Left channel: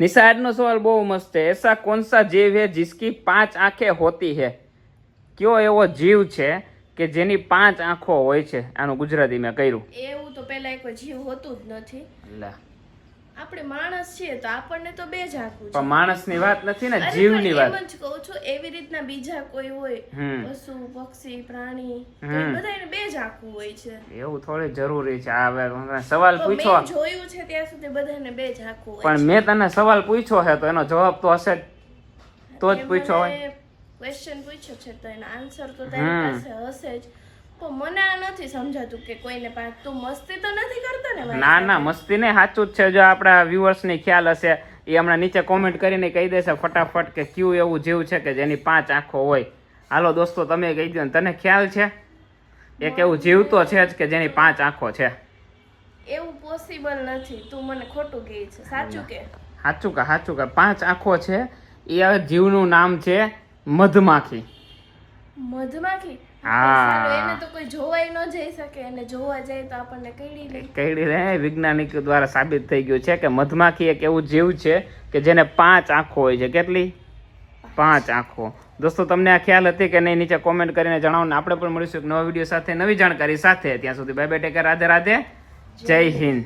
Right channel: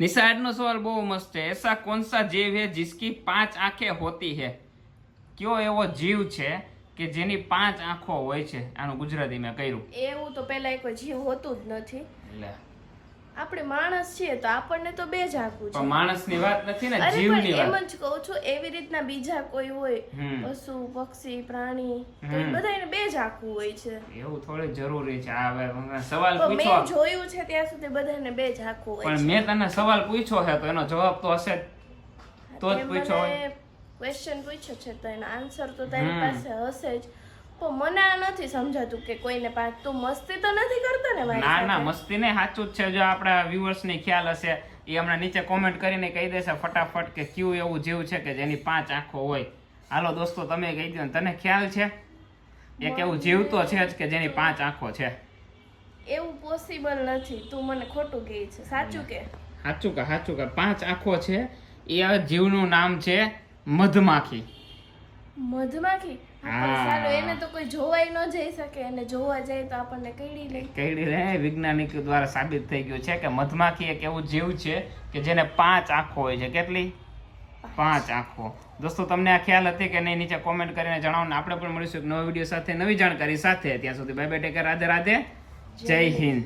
નિશાળનો સવાલ બહુ મસ્ત છે. એસા કોનસા જીવ હે જિસકી પાંચ આંખે હોતી હે? કયો એવો જીવ છે કે જેની પાંચ આંખો હોય છે? આનું ગુજરાતી મેં કર્યું. એવું તો પહેલા એક જીવ હોતું જ નથી. આપણે માણસ છીએ તો આપણને તો બે જ છે. માણસની વાત નથી ને જીવની વાત. એમ જ કહું છું એવી રીતના બીજા કોઈ હોય પશુ પક્ષી પ્રાણી બધા એને બે આંખું હોય છે. એવું થોડી જરૂરી છે. આ સવાલ પૂછો. મેં જોયું છે ત્યાં સુધી બધાને બે જ આંખું હોય પણ મેં તને સવાલ પૂછ્યો છે તો એનો જવાબ તો હશે જ. તો જ પૂછ્યો હોય. ક્વેશ્ચન પૂછ્યો છે તો એનો આન્સર તો તારી પાસે હશે જ. પણ મને આ નથી સમજાતું કે કોઈને પાસે તું મસ્તી તો નથી કરતો ને મારી ના ના મસ્તી નહીં સાચું જ છે. જો આપણા વ્યુઅર્સ ને ખ્યાલ હશે એ હમણાં નીચે કોમેન્ટ કરીને કહી દેશે ફટાફટ કે કયું એવું જીવ છે કે જેની પાંચ આંખો હોય. હાલો દોસ્તો તમે કહી દો તને ખ્યાલ છે? એક એવું જીવ તો છે જ કે જેની પાંચ આંખો છે. એવું પોસિબલ નથી. તું મને ખોટું કહે છે. સાચું કે? સાચું કે સાચું કે. પાંચ આંખો છે એ આ જીવનું નામ છે મધમાખી. મધમાખી. હા. એને તો કોઈ જોવાય ન જઈ શકે. અને જોવા જાય તો આપણને કઈડી લે. કઈ લે. વૈજ્ઞાનિક દ્વારા સાબિત થઈ ગયું છે કે મધમાખી એક એવું જીવ છે કે જેને પાંચ આંખો હોય છે. કેટલી? પાંચ આંખો. દોસ્તો તમને આ ખ્યાલ હતી કે નહીં નીચે કોમેન્ટ કરીને જણાવો આપણે પણ મળીશું એક નવા વીડિયો સાથે નવી જાણકારી સાથે. ત્યાં સુધી bye bye take care Radhe Radhe જય હિન્દ.